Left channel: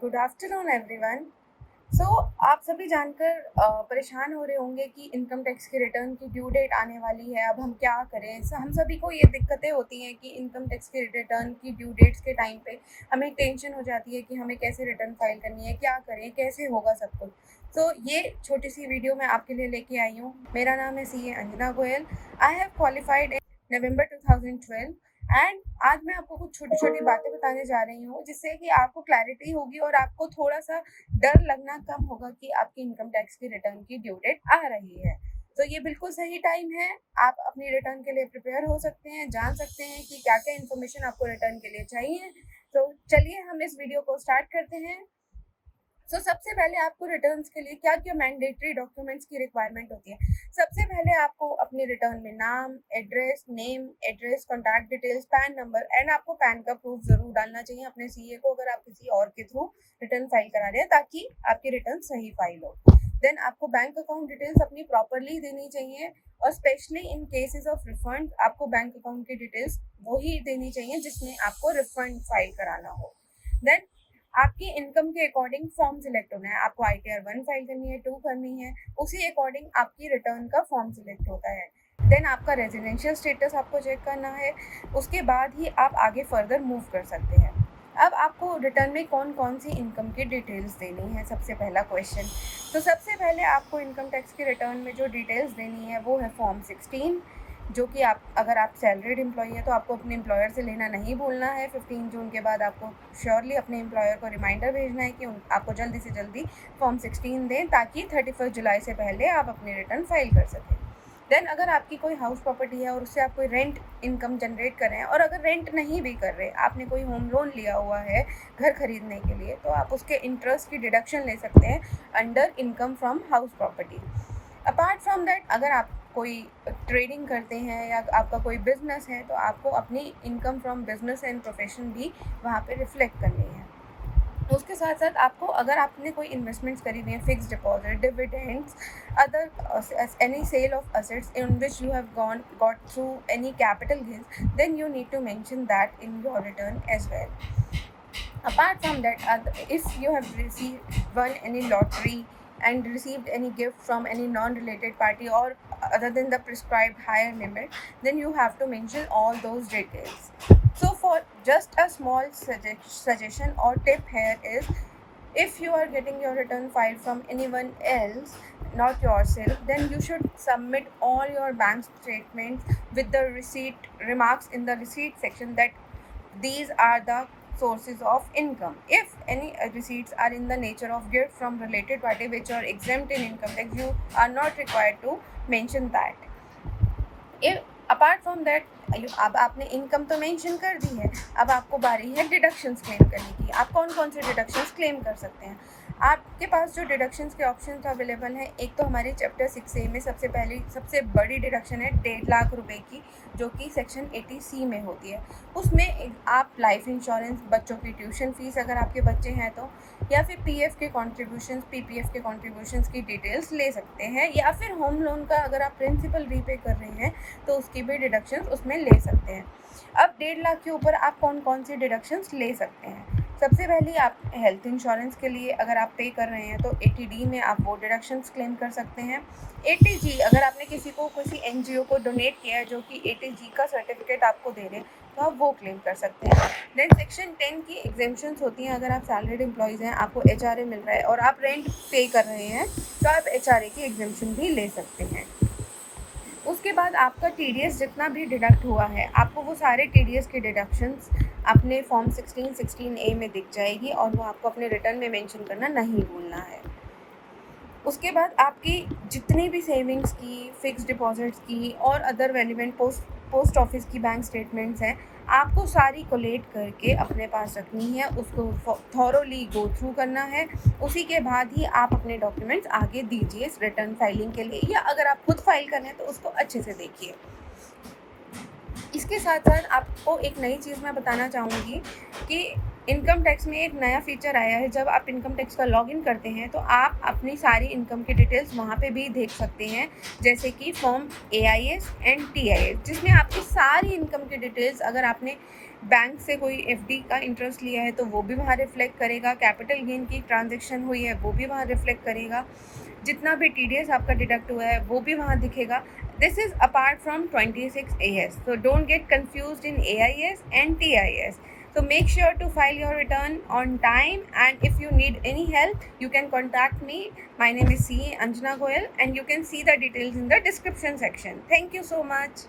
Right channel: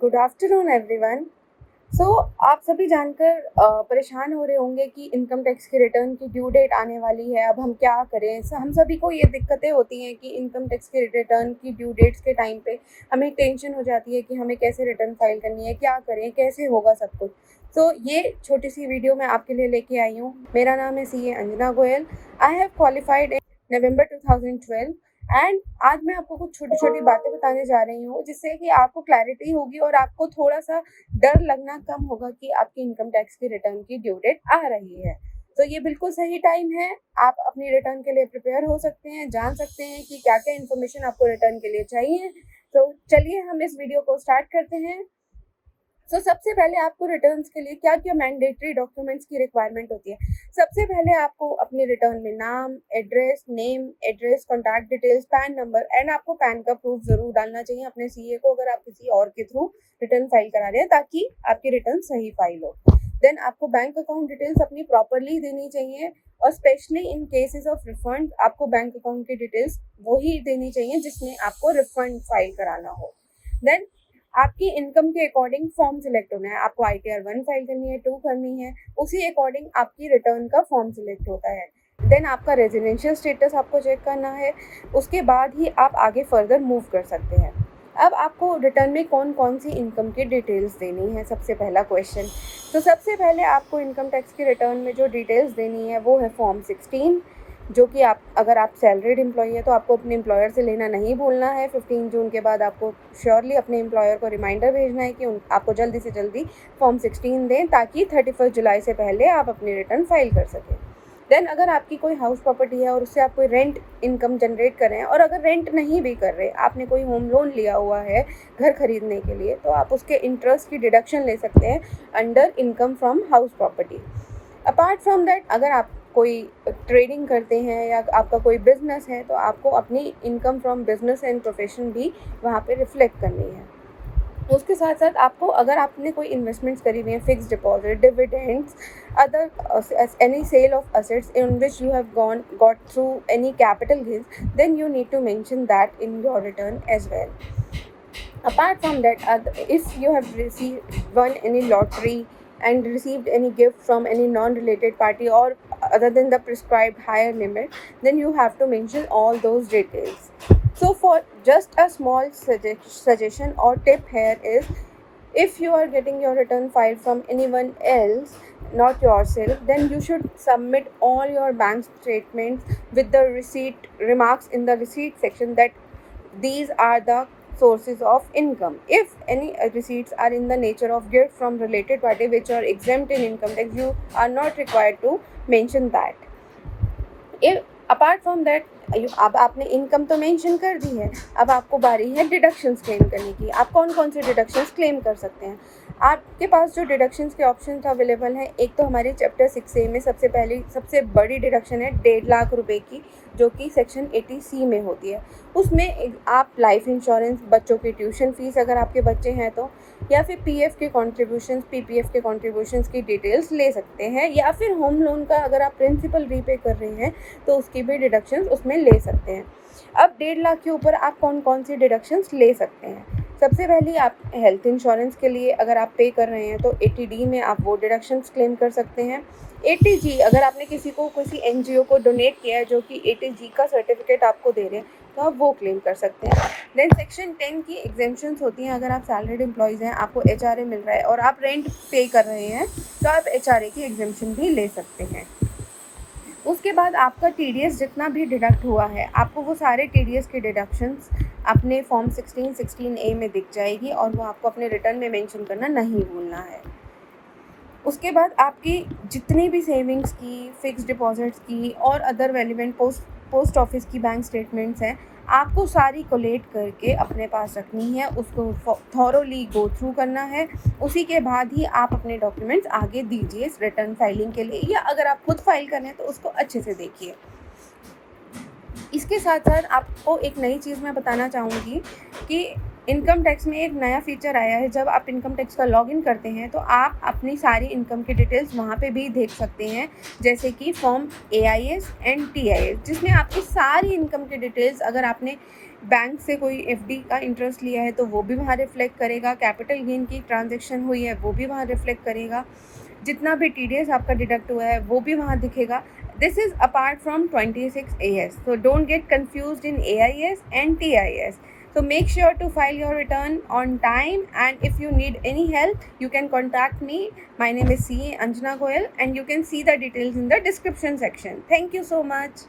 Good afternoon everyone. सो आप सभी जानकर परेशान हो रहे होंगे कि इनकम टैक्स की रिटर्न की ड्यू डेट आने वाली है, अब हम क्या करें। हम सभी को ये दिक्कतें होती हैं कि इनकम टैक्स की रिटर्न की ड्यू डेट्स के टाइम पे हमें टेंशन हो जाती है कि हमें कैसे रिटर्न फाइल करनी है, क्या करें, कैसे होगा सब कुछ। तो ये छोटी सी वीडियो मैं आपके लिए लेके आई हूँ। मेरा नाम है CA Anjana Goyal. I have qualified in November 2012 and आज मैं आपको कुछ छोटी छोटी बातें बताने जा रही हूँ जिससे कि आपको क्लैरिटी होगी और आपको थोड़ा सा डर लगना कम होगा कि आपकी इनकम टैक्स की रिटर्न की ड्यू डेट आ रही है। तो ये बिल्कुल सही टाइम है। आप अपनी रिटर्न के लिए प्रिपेयर हो सकते हैं, जान सकते हैं कि क्या क्या इन्फॉर्मेशन आपको रिटर्न के लिए चाहिए। तो चलिए हम इस वीडियो को स्टार्ट करते हैं। सबसे पहले आपको रिटर्न्स के लिए क्या क्या मैंडेटरी डॉक्यूमेंट्स की रिक्वायरमेंट होती है। सबसे पहले आपको अपनी रिटर्न में नाम, address, contact details, pan number and आपको पैन का प्रूफ जरूर डालना चाहिए अपने CA को अगर आप किसी और के थ्रू रिटर्न फाइल करा रहे हैं, ताकि आपकी रिटर्न सही फाइल हो। देन आपको बैंक अकाउंट डिटेल्स अपनी प्रॉपरली देनी चाहिए और specially in cases of refund आपको बैंक अकाउंट की डिटेल्स वही देनी चाहिए जिसमें आपको रिफंड फाइल कराना हो। देन आपकी इनकम के अकॉर्डिंग फॉर्म सिलेक्ट होना है। आपको ITR 1 फाइल करनी है, 2 करनी है, उसी अकॉर्डिंग आपकी रिटर्न का फॉर्म सिलेक्ट होता है। देन आपका रेजिडेंशियल स्टेटस आपको चेक करना है। उसके बाद ही आप आगे फर्दर मूव कर सकते हैं। अब आपको रिटर्न में कौन कौन सी इनकम की डिटेल्स देनी है, सबसे पहला क्वेश्चन। तो सबसे पहले आपको इनकम टैक्स की रिटर्न में जो डिटेल्स देनी है वो है फॉर्म 16, जो कि अगर आप सैलरीड एम्प्लॉई है तो आपको अपने एम्प्लॉयर से लेना नहीं भूलना है। 15 जून के बाद आपको श्योरली अपने एम्प्लॉयर को रिमाइंडर भेजना है कि आपको जल्दी से जल्दी फॉर्म 16 दें, ताकि 31 जुलाई से पहले आप अपनी रिटर्न फाइल कर सकें। देन अगर आपकी कोई हाउस प्रॉपर्टी है और उससे आप कोई रेंट इनकम जनरेट कर रहे हैं, और अगर रेंट नहीं भी कर रहे, आपने कोई होम लोन लिया हुआ है घर खरीदने के लिए, तो आप उसके इंटरेस्ट की डिडक्शन ले सकते हैं under income from house property. Apart from that, अगर आप कोई ट्रेडिंग करते हैं या आपका कोई बिजनेस है, तो आपको अपनी income from business and profession भी वहाँ पे रिफ्लेक्ट करनी है। उसके साथ साथ आपको, अगर आपने कोई इन्वेस्टमेंट्स करी हुई हैं, fix deposit, dividends, other any sale of assets in which you have got through any capital gains, then you need to mention that in your return as well. Apart from that, if you have won any lottery and received any gift from any non-related party or other than the prescribed higher limit, then you have to mention all those details. So for just a small suggestion or tip here is, if you are getting your return file from anyone else, not yourself, then you should submit all your bank statements with the receipt remarks in the receipt section that these are the sources of income. If any receipts are in the nature of gift from related party which are exempt in income tax, you are not required to mention that. If apart from that, अब आपने income तो mention कर दी है, अब आपको बारी है deductions claim करने की। आप कौन कौन से डिडक्शंस क्लेम कर सकते हैं। आपके पास जो डिडक्शंस के ऑप्शंस अवेलेबल हैं, एक तो हमारी चैप्टर 6A में सबसे बड़ी डिडक्शन है 1.5 लाख रुपए की, जो कि सेक्शन 80C में होती है। उसमें आप लाइफ इंश्योरेंस, बच्चों की ट्यूशन फीस अगर आपके बच्चे हैं तो, या फिर PF के कॉन्ट्रीब्यूशंस, PPF के कॉन्ट्रीब्यूशंस की डिटेल्स ले सकते हैं, या फिर होम लोन का अगर आप प्रिंसिपल रीपे कर रहे हैं तो उसकी भी डिडक्शंस उसमें ले सकते हैं। अब 1.5 लाख के ऊपर आप कौन कौन सी डिडक्शंस ले सकते हैं। सबसे पहले आप हेल्थ इंश्योरेंस के लिए अगर आप पे कर रहे हैं तो 80D में आप वो डिडक्शंस क्लेम कर सकते हैं। 80G, अगर आपने किसी NGO को डोनेट किया है जो कि 80G का सर्टिफिकेट आपको दे रहे हैं, तो आप वो क्लेम कर सकते हैं। देन सेक्शन 10 की एग्जेम्पशंस होती हैं। अगर आप सैलरीड एम्प्लॉयज़ हैं, आपको HRA मिल रहा है और आप रेंट पे कर रहे हैं, तो आप HRA की एग्जेम्पशन भी ले सकते हैं। उसके बाद आपका TDS जितना भी डिडक्ट हुआ है, आपको वो सारे TDS के डिडक्शंस अपने फॉर्म 16A में दिख जाएगी और वो आपको अपने रिटर्न में मेंशन करना नहीं भूलना है। उसके बाद आपकी जितनी भी सेविंग्स की, फिक्स डिपॉजिट्स की और अदर रेलिवेंट पोस्ट ऑफिस की बैंक स्टेटमेंट्स हैं, आपको सारी कोलेट करके अपने पास रखनी है, उसको थॉरोली गो थ्रू करना है। उसी के बाद ही आप अपने डॉक्यूमेंट्स आगे दीजिए इस रिटर्न फाइलिंग के लिए, या अगर आप खुद फाइल करें तो उसको अच्छे से देखिए। इसके साथ साथ आपको एक नई चीज़ मैं बताना चाहूँगी कि इनकम टैक्स में एक नया फीचर आया है। जब आप इनकम टैक्स का लॉगिन करते हैं तो आप अपनी सारी इनकम की डिटेल्स वहाँ पे भी देख सकते हैं, जैसे कि फॉर्म AIS एंड TIS, जिसमें आपकी सारी इनकम की डिटेल्स, अगर आपने बैंक से कोई एफडी का इंटरेस्ट लिया है तो वो भी वहाँ रिफ्लेक्ट करेगा, कैपिटल गेन की ट्रांजैक्शन हुई है वो भी वहाँ रिफ्लेक्ट करेगा, जितना भी टीडीएस आपका डिडक्ट हुआ है वो भी वहाँ दिखेगा. This is apart from 26 AS. So don't get confused in AIS and TIS. So make sure to file your return on time, and if you need any help, you can contact me. My name is CA Anjana Goyal, and you can see the details in the description section. Thank you so much.